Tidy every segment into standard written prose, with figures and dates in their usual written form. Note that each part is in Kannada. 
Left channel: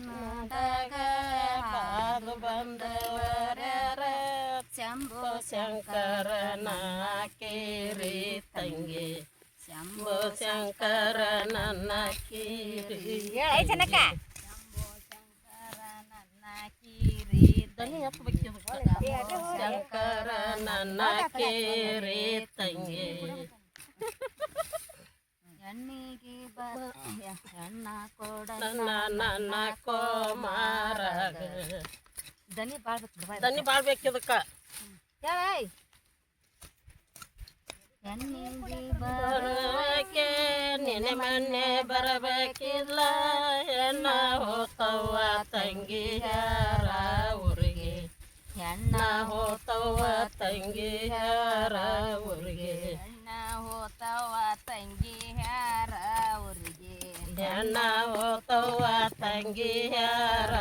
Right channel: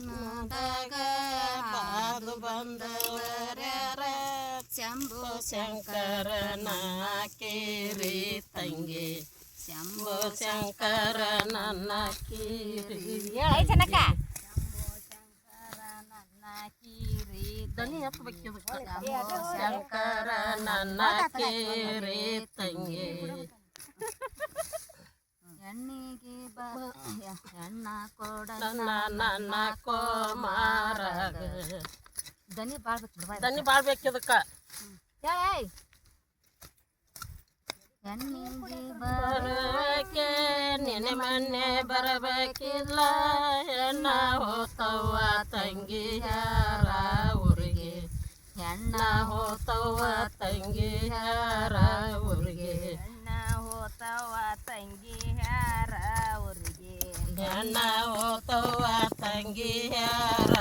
ಮನದಾಗ ಬಾದು ಬಂದವರ್ಯಾರ ಶಂಭು ಶಂಕರನ ಕೇರಿ ತಂಗಿ ಶಂಭು ಶಂಕರ ನನ್ನ ಕೀರಿ ಶಂಭು ಶಂಕರ ನನ್ನ ಕೀರಿ ಶಂಕರ ನನ್ನ ಕೇರಿ ತಂಗಿ ಹೆಣ್ಣಿಗೆ ಹೆಣ್ಣ ಕೊಡ ನನ್ನ ಕೋಮಾರಾಗ ದನಿ ಬಾಳ್ಬೇಕಿದಕ್ಕ ಹೆಣ್ಣಿಗೆ ಬರಬೇಕೆ ನೆನೆ ಮೊನ್ನೆ ಬರಬೇಕಿಲ್ಲ ಹೆಣ್ಣ ಹೋತವ್ವ ತಂಗಿಯಾರ ಊರಿಗೆ ಹೆಣ್ಣ ಹೋತವ್ವ ತಂಗಿಯಾರ ಊರಿಗೆ ಹೆಣ್ಣ ಹೋತವ್ವ ತಂಗಿಯಾರ ಊರಿಗೆ ಹೆಣ್ಣ ಹೋತವ್ವ ತಂಗಿಯಾರ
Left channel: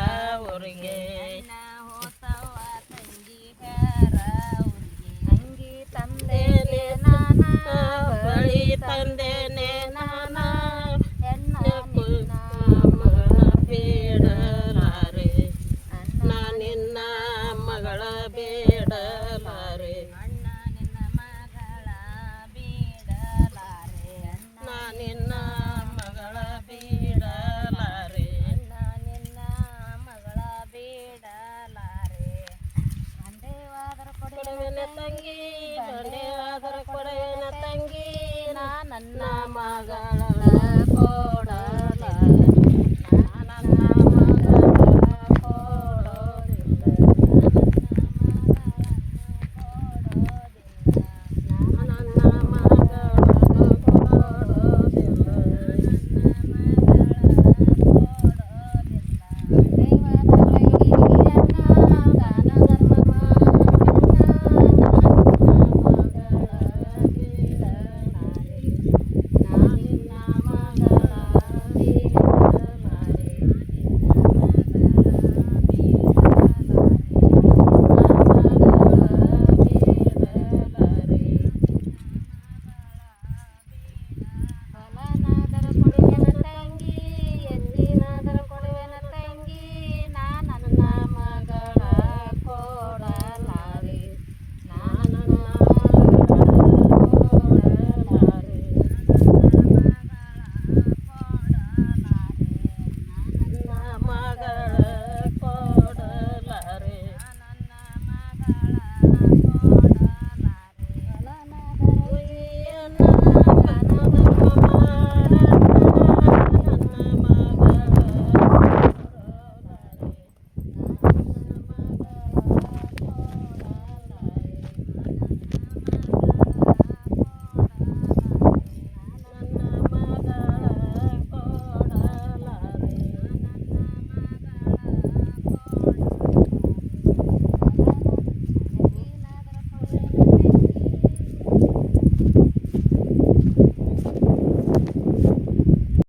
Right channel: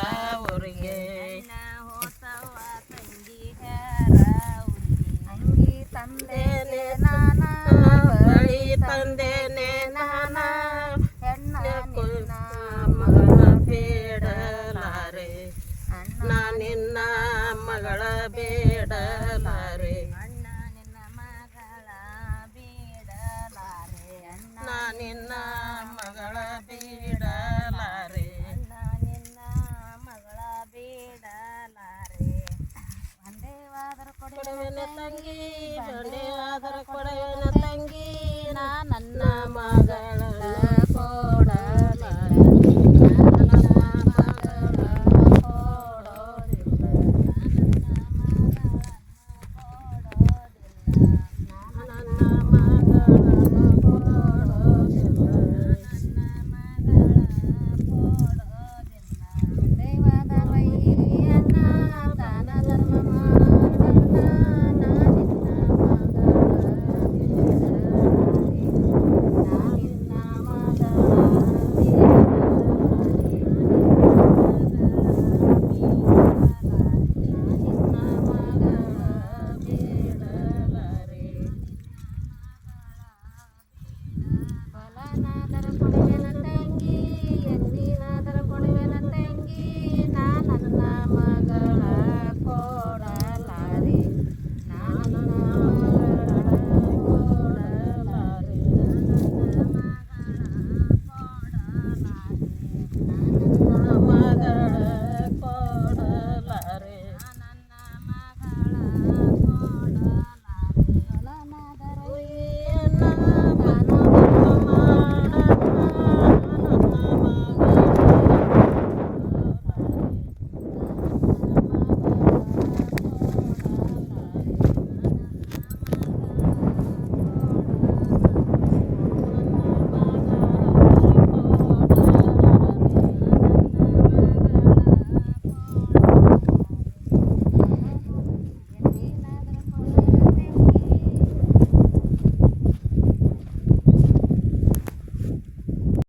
ಊರಿಗೆ ಹೆಣ್ಣ ಹೋತವ್ವ ತಂಗಿಯಾರ ಊರಿಗೆ ಅಂಗಿ ತಂದೇನೆ ನಾನ ಬಳಿ ತಂದೇನೆ ನಾನ ಹೆಣ್ಣ ನಿನ್ನ ಮಗಳ ಬೇಡಲಾರೆ ಅಣ್ಣ ನಿನ್ನ ಮಗಳ ಬೇಡಲಾರೆ ಅಣ್ಣ ನಿನ್ನ ಮಗಳ ಬೇಡಲಾರೆ ಅಣ್ಣ ನಿನ್ನ ಮಗಳ ಬೇಡಲಾರೆ ಅಣ್ಣ ನಿನ್ನ ಮಗಳ ಬೇಡಲಾರೆ ಅಂದೇವಾದರ ಕೊಡುವೆನೆ ತಂಗಿ